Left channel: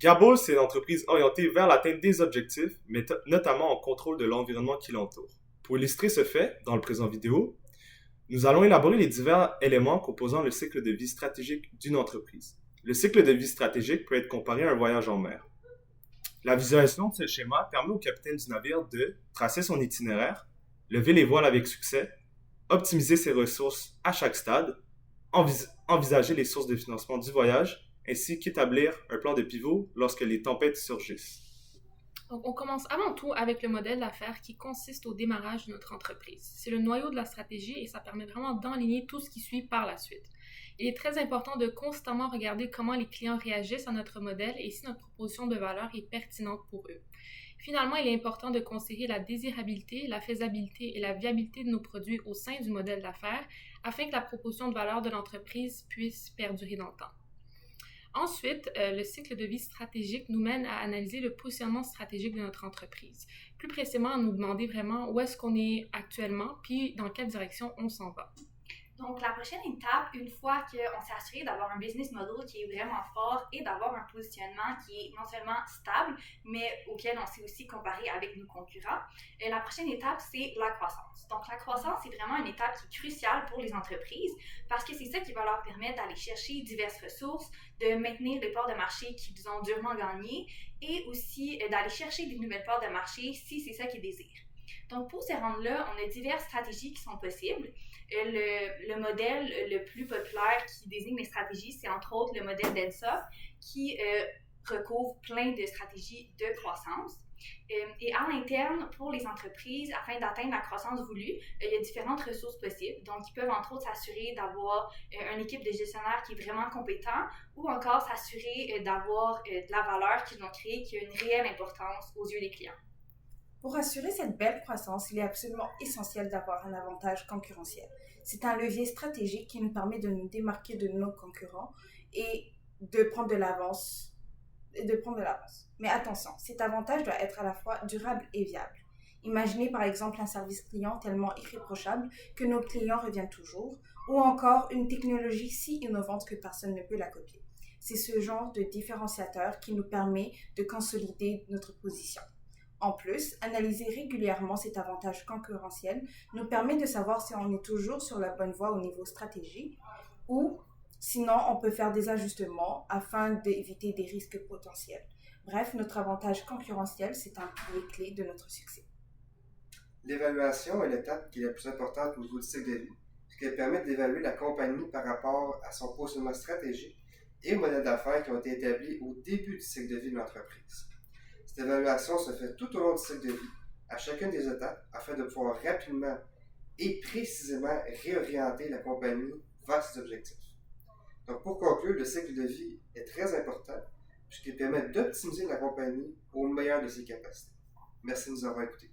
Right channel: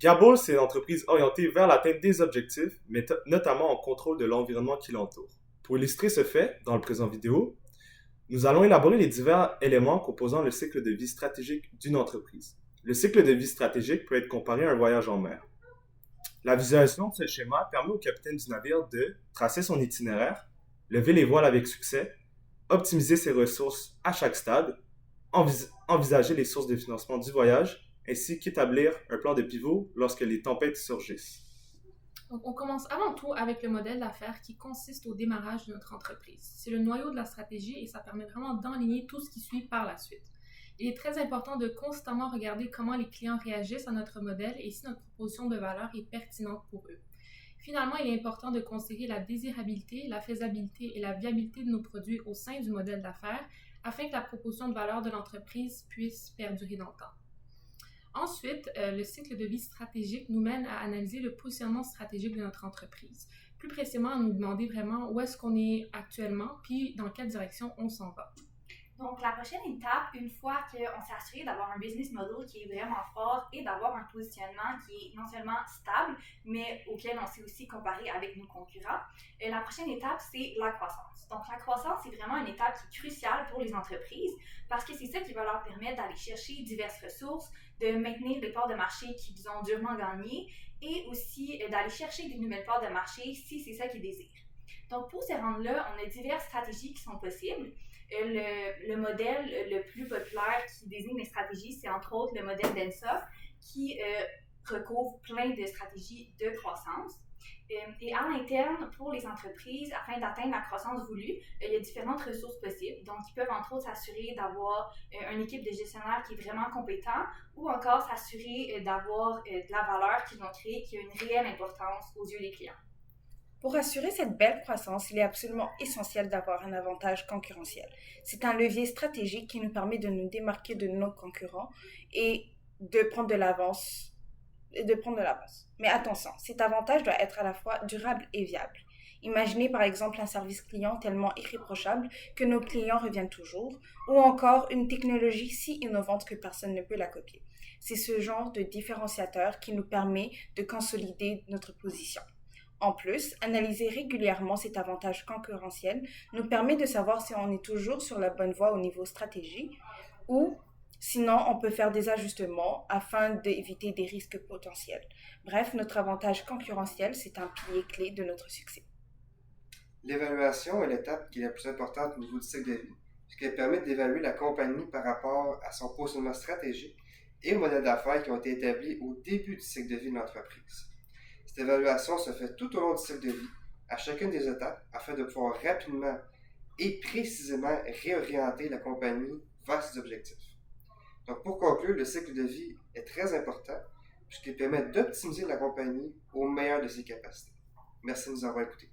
Gabble, c'est une entreprise orientée vers l'atteinte des objectifs, mais notamment en contrôle de l'environnement qui l'entoure. Pour illustrer ce fait, dans le présent vidéo, nous allons élaborer les divers éléments composant le cycle de vie stratégique d'une entreprise. Le cycle de vie stratégique peut être comparé à un voyage en mer. La visualisation de ce schéma permet au capitaine du navire de tracer son itinéraire, lever les voiles avec succès, optimiser ses ressources à chaque stade, envisager les sources de financement du voyage, ainsi qu'établir un plan de pivot lorsque les tempêtes surgissent. Donc, on commence avant tout avec le modèle d'affaires qui consiste au démarrage de notre entreprise. C'est le noyau de la stratégie et ça permet vraiment d'enligner tout ce qui suit par la suite. Il est très important de constamment regarder comment les clients réagissent à notre modèle et si notre proposition de valeur est pertinente pour eux. Finalement, il est important de considérer la désirabilité, la faisabilité et la viabilité de nos produits au sein du modèle d'affaires afin que la proposition de valeur de l'entreprise puisse perdurer dans le temps. Ensuite, le cycle de vie stratégique nous mène à analyser le positionnement stratégique de notre entreprise. Plus précisément, à nous demander vraiment où est-ce qu'on est actuellement, puis dans quelle direction on s'en va. Donc, la prochaine étape, une fois qu'on s'est assuré d'avoir un business model qui est vraiment fort et d'avoir un positionnement qui est non seulement stable, mais auquel on s'est aussi comparé avec nos concurrents, la prochaine étape, c'est la croissance. Donc, la croissance, c'est vraiment une étape qui est cruciale pour les entreprises parce que c'est ça qui va leur permettre d'aller chercher diverses ressources, de maintenir les parts de marché qu'ils ont durement gagnées et aussi d'aller chercher des nouvelles parts de marché si c'est ça qu'ils désirent. Donc, pour se rendre là, on a diverses stratégies qui sont possibles. Le modèle le plus populaire qui désigne les stratégies, c'est entre autres le modèle d'ENSA qui recouvre plein de stratégies de croissance. Et à l'interne, pour les entreprises, afin d'atteindre la croissance voulue, il y a différentes ressources possibles. Donc, ils peuvent entre autres s'assurer d'avoir une équipe de gestionnaires qui est vraiment compétent ou encore s'assurer d'avoir de la valeur qu'ils ont créée qui a une réelle importance aux yeux des clients. Pour assurer cette belle croissance, il est absolument essentiel d'avoir un avantage concurrentiel. C'est un levier stratégique qui nous permet de nous démarquer de nos concurrents et de prendre de l'avance. Mais attention, cet avantage doit être à la fois durable et viable. Imaginez par exemple un service client tellement irréprochable que nos clients reviennent toujours, ou encore une technologie si innovante que personne ne peut la copier. C'est ce genre de différenciateur qui nous permet de consolider notre position. En plus, analyser régulièrement cet avantage concurrentiel nous permet de savoir si on est toujours sur la bonne voie au niveau stratégie ou sinon on peut faire des ajustements afin d'éviter des risques potentiels. Bref, notre avantage concurrentiel, c'est un pilier clé de notre succès. L'évaluation est l'étape qui est la plus importante au niveau du cycle de vie, puisqu'elle permet d'évaluer la compagnie par rapport à son positionnement stratégique et aux modèles d'affaires qui ont été établis au début du cycle de vie de l'entreprise. Cette évaluation se fait tout au long du cycle de vie, à chacune des étapes, afin de pouvoir rapidement et précisément réorienter la compagnie vers ses objectifs. Donc, pour conclure, le cycle de vie est très important puisqu'il permet d'optimiser la compagnie au meilleur de ses capacités. Merci de nous avoir écoutés.